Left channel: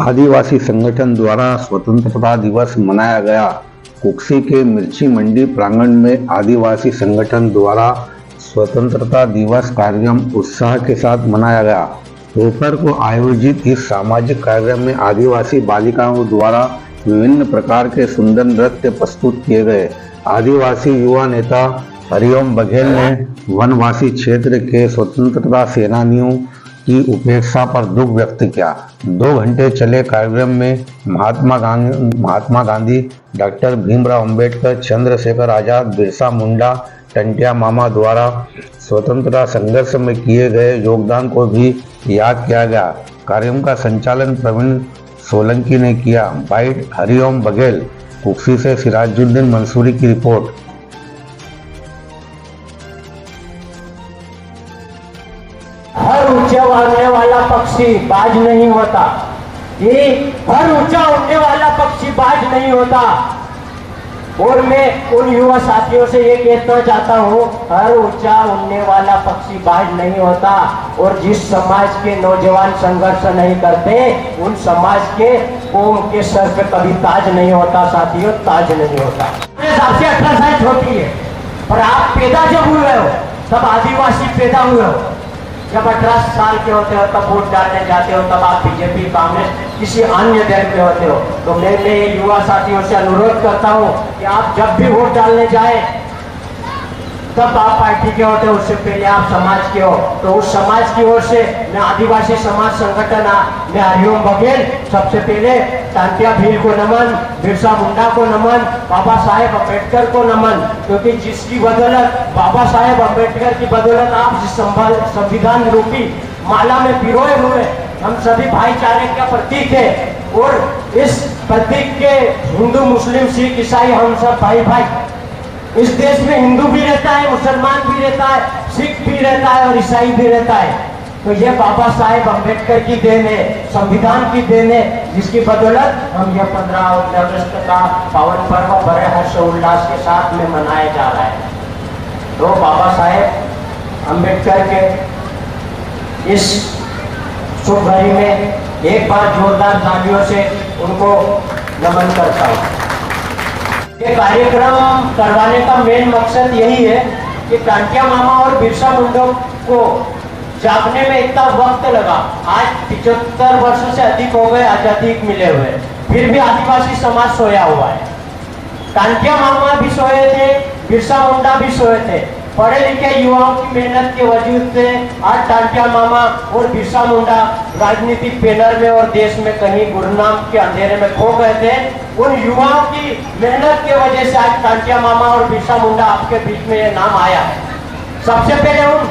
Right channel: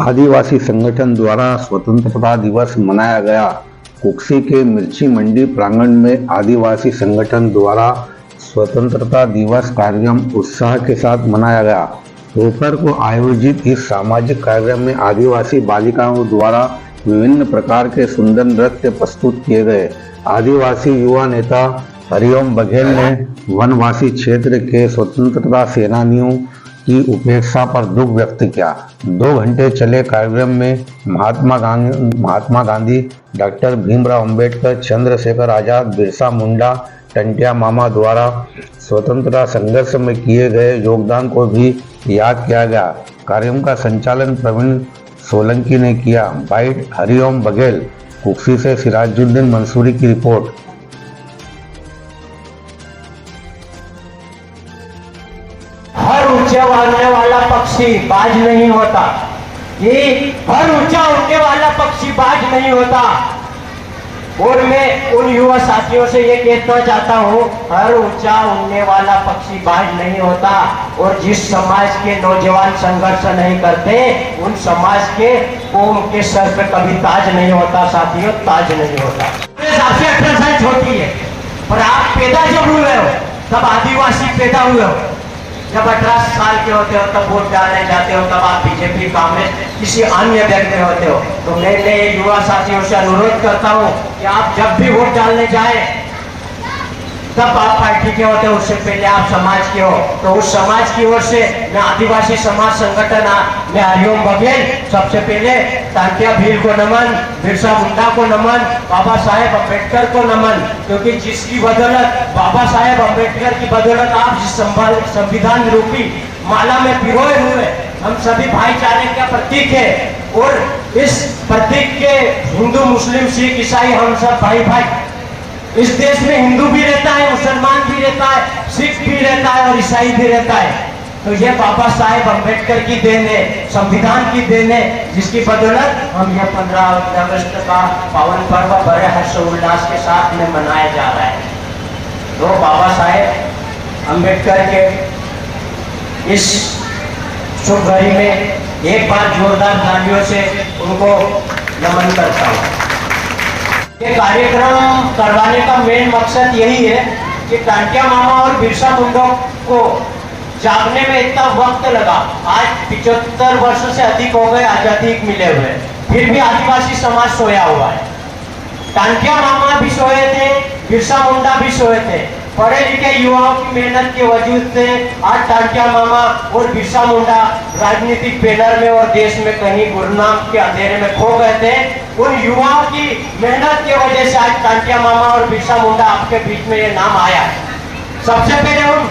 आदिवासी संगठन द्वारा स्वतंत्रता दिवस मनाया गया। कुक्सी के मिर्ची मंडी प्रांगण में आदिवासी संगठन द्वारा स्वतंत्रता दिवस कार्यक्रम उत्साह के साथ मनाया गया। दोपहर को आयोजित इस सामाजिक कार्यक्रम में आदिवासी बालिकाओं द्वारा विभिन्न प्रकार के सुंदर नृत्य प्रस्तुत किए गए। आदिवासी युवा नेता हरिओम बघेल ने वनवासी क्षेत्र के स्वतंत्रता सेनानियों की उपेक्षा पर दुख व्यक्त किया। 2 घंटे चले कार्यक्रम में महात्मा गांधी, डॉक्टर भीमराव अंबेडकर, चंद्रशेखर आजाद, बिरसा मुंडा, टंटिया मामा द्वारा स्वतंत्रता संघर्ष में किए गए योगदान को भी याद किया गया। कार्यक्रम का संचालन प्रवीण सोलंकी ने किया। बाइट हरिओम बघेल, कुक्सी से सिराजुद्दीन मंसूरी की रिपोर्ट। हर ऊंचा उड़ने वाला पक्षी बाज नहीं होता। ये हर ऊंचा उड़ने वाला पक्षी बाज नहीं होता। और मैं उन युवा साथियों से ये कहना चाहता हूँ, हर ऊंचा उड़ने वाला पक्षी बाज नहीं होता। और जिस समाज के नौजवान संघर्ष नहीं करते, उन समाज के कौम के सर पे कभी ताज नहीं होता। साथियों, ताज नहीं होता। आपसे 18 साल छोटी है, और आप पैदा जब हुए हो तब आदिवासी पैदा हुए हो। जब 18 साल के होते हो तब वोट डालने जाते हो, तब आप बीजेपी, कांग्रेस, किसी अन्य दल में होते हो। तो मैं युवा साथियों से अनुरोध करता हूँ कि आप जब भी वोट डालने जाए तब आप पार्टी के होते हो, उससे पहले आप समाज के हो। तो उस समाज की ओर से मैं आदिवासी समाज संगठन में हरिओम बघेल सबसे पहले टांटिया भील को नमन, बिरसा मुंडा को नमन, बाबा साहेब अम्बेडकर को नमन। क्योंकि जिसकी बदौलत, बाबा साहेब अम्बेडकर की बदौलत आप जिस संविधान रूपी माला में पिरोए हुए, हम सभी भाईचारे का प्रतीक है। और इस प्रतीक के हिंदू, मुस्लिम, सिख, ईसाई हम सब भाई भाई। इस देश में हिंदू भी रहता है, मुसलमान भी रहता है, सिख भी रहता है और ईसाई भी रहता है। तो ये बाबा साहेब अम्बेडकर की देन है, संविधान की देन है, जिसकी बदौलत हम ये 15 अगस्त का पावन पर्व बड़े हर्षोल्लास के साथ में मनाया जा रहा है। तो बाबा साहेब अम्बेडकर के इस शुभ घड़ी में एक बार जोरदार तालियों से उनको नमन करता हूँ। ये कार्यक्रम करवाने का मेन मकसद यही है कि टांटिया मामा और बिरसा मुंडा को जागने में इतना वक्त लगा। आज 75 वर्ष से अधिक हो गए आजादी मिले हुए, फिर भी आदिवासी समाज सोया हुआ है। टांटिया मामा भी सोए थे, बिरसा मुंडा भी सोए थे। पढ़े लिखे युवाओं की मेहनत के वजूद से आज टांटिया मामा और बिरसा मुंडा राजनीतिक पैनल में और देश में कहीं गुरनाम के अंधेरे में खो गए थे। उन युवाओं की मेहनत के वजह से आज टांटिया मामा और बिरसा मुंडा आपके बीच में ये नाम आया है। सबसे पहले उन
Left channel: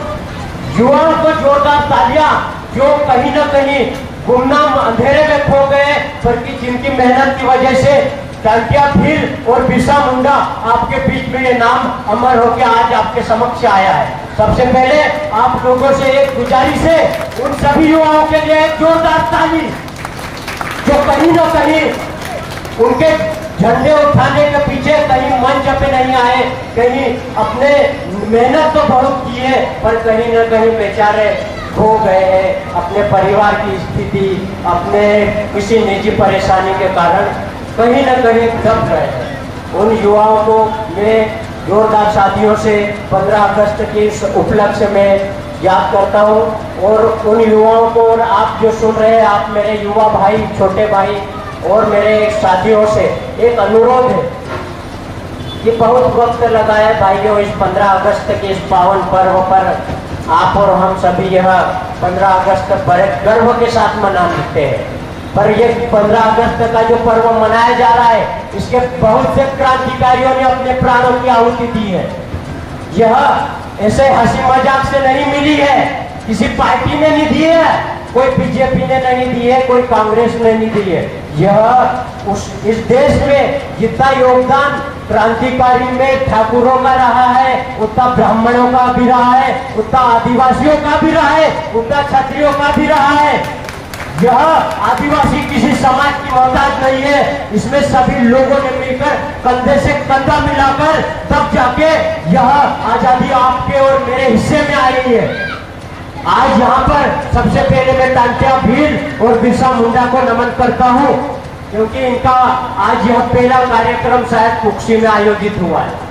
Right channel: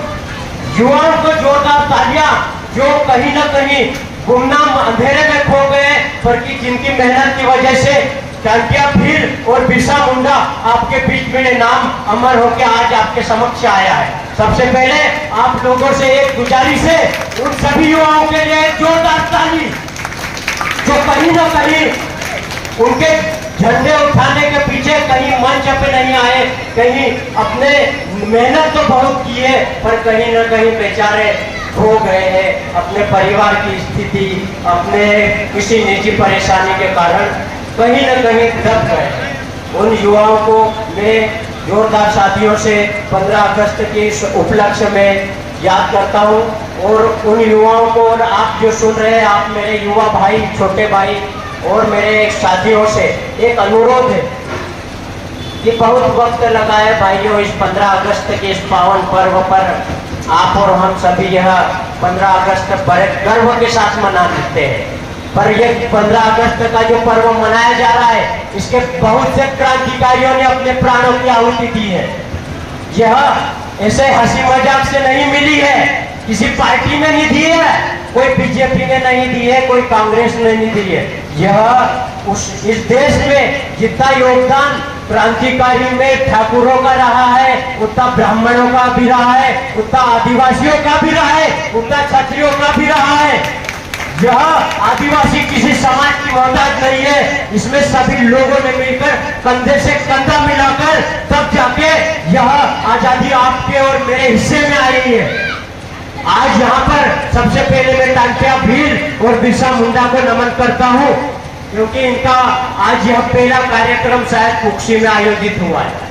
युवाओं को जोरदार तालियां, जो कहीं न कहीं गुमनाम अंधेरे में खो गए, पर कि जिनकी मेहनत की वजह से टांटिया भील और बिरसा मुंडा आपके बीच में नाम अमर होकर आज आपके समक्ष आया है। सबसे पहले आप लोगों से एक गुजारिश है, उन सभी युवाओं के लिए जोरदार ताली, जो कहीं न कहीं उनके झंडे उठाने के पीछे कहीं मंच पे नहीं आए, कहीं अपने मेहनत तो बहुत की है, पर कहीं न कहीं बेचारे खो गए हैं अपने परिवार की स्थिति, अपने किसी निजी परेशानी के कारण कहीं न कहीं दब गए। उन युवाओं को मैं जोरदार साथियों से 15 अगस्त के इस उपलक्ष्य में याद करता हूँ। और उन युवाओं को, और आप जो सुन रहे हैं, आप मेरे युवा भाई, छोटे भाई और मेरे साथियों से एक अनुरोध है कि बहुत वक्त लगा है भाइयों इस 15 अगस्त के इस पावन पर्व पर। आप और हम सभी यह 15 अगस्त बड़े गर्व के साथ मना लेते हैं, पर ये 15 अगस्त का जो पर्व मनाया जा रहा है, इसके बहुत से क्रांतिकारियों ने अपने प्राणों की आहुति दी है। यह ऐसे हंसी मजाक से नहीं मिली है, किसी पार्टी ने नहीं दी है, कोई बीजेपी ने नहीं दी है, कोई कांग्रेस ने नहीं दी है। यह इस देश में जितना योगदान क्रांतिकारी में ठाकुरों का रहा है, उतना ब्राह्मणों का भी रहा है, उतना आदिवासियों का भी रहा है, उतना क्षत्रियों का भी रहा है। यह आदिवासी किसी समाज की मोहताज नहीं है। इसमें सभी लोगों ने मिलकर कंधे से कंधा मिलाकर तब जाके यह आजादी आपके और मेरे हिस्से में आई है। आज यहाँ पर सबसे पहले मैं टांटिया भील और बिरसा मुंडा को नमन करता हूँ, क्योंकि इनका आज यह पहला कार्यक्रम शायद कुक्सी में आयोजित हुआ है।